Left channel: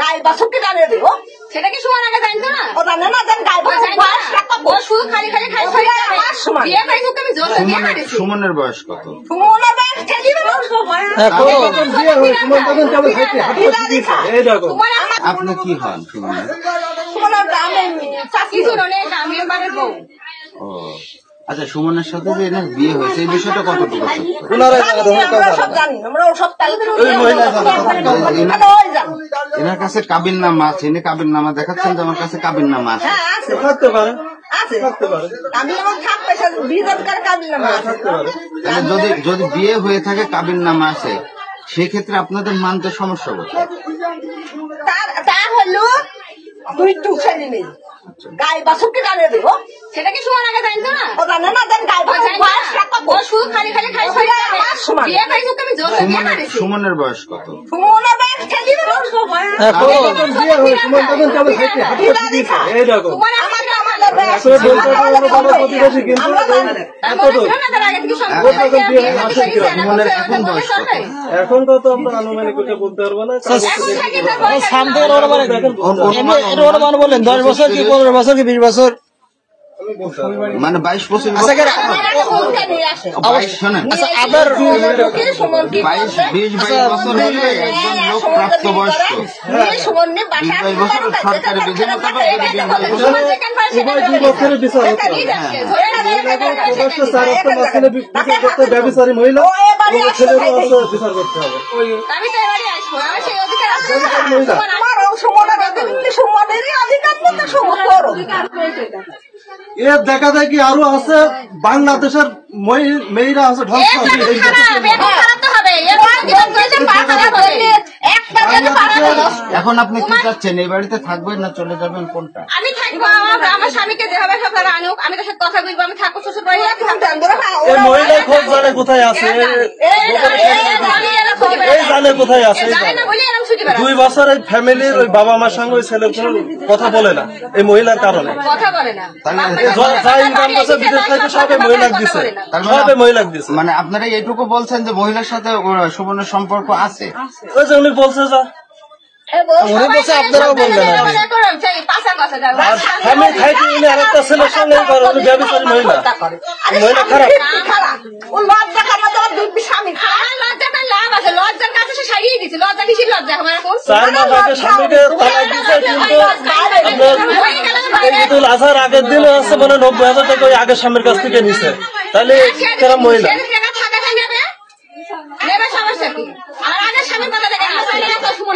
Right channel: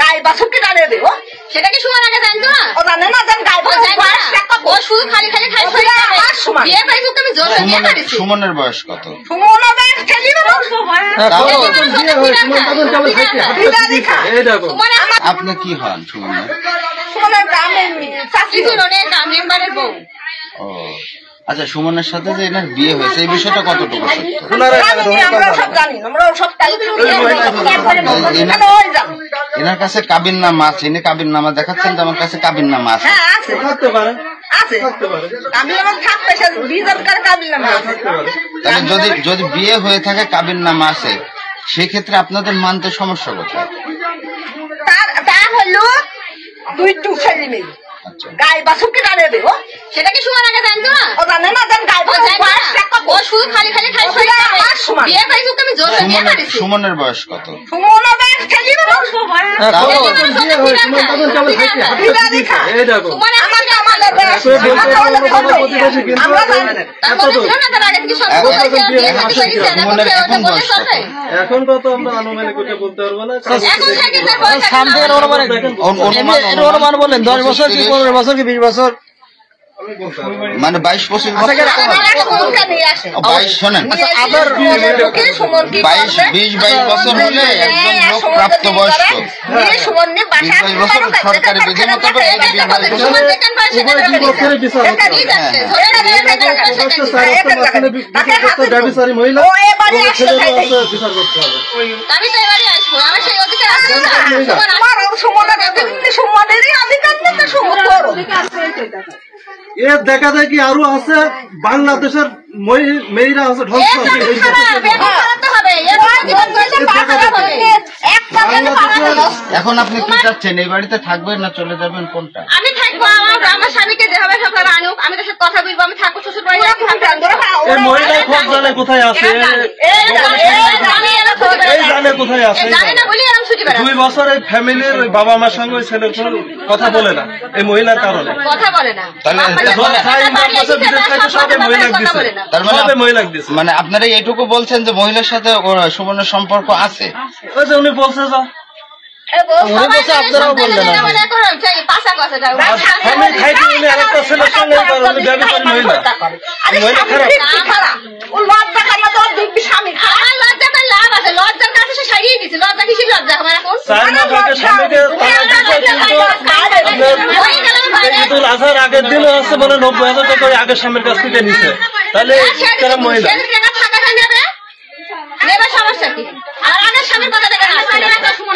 গায়ে বাছুরকে জানিয়ে দেবো। সেটা কি সুমন আগে জানতো না? ও জানে না, জান গায়ে ও শুধু খালি খালি খাই বিয়ে পাইছো আমি জোর বিয়ে করেছি। সুমনের বয়স কত? সুমনের বয়স খেলি আপনি কি হন সুমনের? সুমনের গ্রামের চাকরি মেম্বারের বউ। ও আচ্ছা, সুমনের সাথে যে এনার বিয়ে হয়েছে এই বিষয়টা কতটুকু? আমরা সব জানি, আমরা সব এনার কাছে কাবিন নামা আছে, ইনি কাবিন নামা দেখাচ্ছেন যে আমার কাছে কাবিন নামা আছে। হ্যাঁ আছে, থাকতে পারে, আছে থাকতে পারে। আমি আমার থাকতে বিজনকার কাবিল নামা আছে। তাহলে যদি বিয়ে হয়ে থাকে কাবিন নামা আছে, সেই ক্ষেত্রে আপনাদের মানতে সমস্যা কোথায়? তা হলো দুই টু ছেলে মেয়ে গায়ে বাছুরকে জানিয়ে দেবো। সেটা কি সুমন আগে জানতো না? ও জানে না, জান গায়ে ও শুধু খালি খালি খাই বিয়ে পাইছো আমি জোর বিয়ে করেছি। সুমনের বয়স কত? সুমনের বয়স খেলি এখন তো আমরা আনুমানিক বলতে পারবো না। বলেন 10 বছর কি 15 বছর কি 20 বছর, মানে 22 বছর। 22 শোনেন, 20-22 বছর হলে একজন লোক প্রাপ্তবয়স্ক। সরকারি ব্যবসায়ী মহিলা বিচার করতে হবে। আমি তো এবারে আসবো, আমার সেই অধিকার আছে না? এর দেখা যায় কি আরো আছে বাংলাদেশের মেয়েরা আছে এখন আপনি কি চাচ্ছেন, এই বাড়িতে থাকবেন না চলে যাবেন, কোনটা? আমি থাকবো, আমার স্বামীকে যেভাবে সকালে আনুক আমি তার সাথে কথা বলবো। আমি থাকবো শ্বশুর বাড়ি, কোথায় আছে কোথায় আছে 2 বছরের ফ্যামিলির ওই বাবা মার সঙ্গে ওই ছেলের কোনো কথা বলে না এই মহিলার কারণে, কথা বলে না। মানে আপনারা এইটুকু বলছেন যে মহিলার সাথে সুমনের সম্পর্ক আছে? ওই যে উনি বলছে যে আপনারাও বললেন লজ্জার কাছে সে সারিয়ে দিচ্ছে। লজ্জা কিসের লজ্জা আমার এখন? আসার আগের দিনও হচ্ছে মানে 90,000 টাকা করে আগের স্বামীর কাছ থেকে নিছে, তাহলে তারা মহিলা থাকাটা নেবে নেবে সমস্যা কি? আর আগের স্বামীর কথা দেখে না সুমনের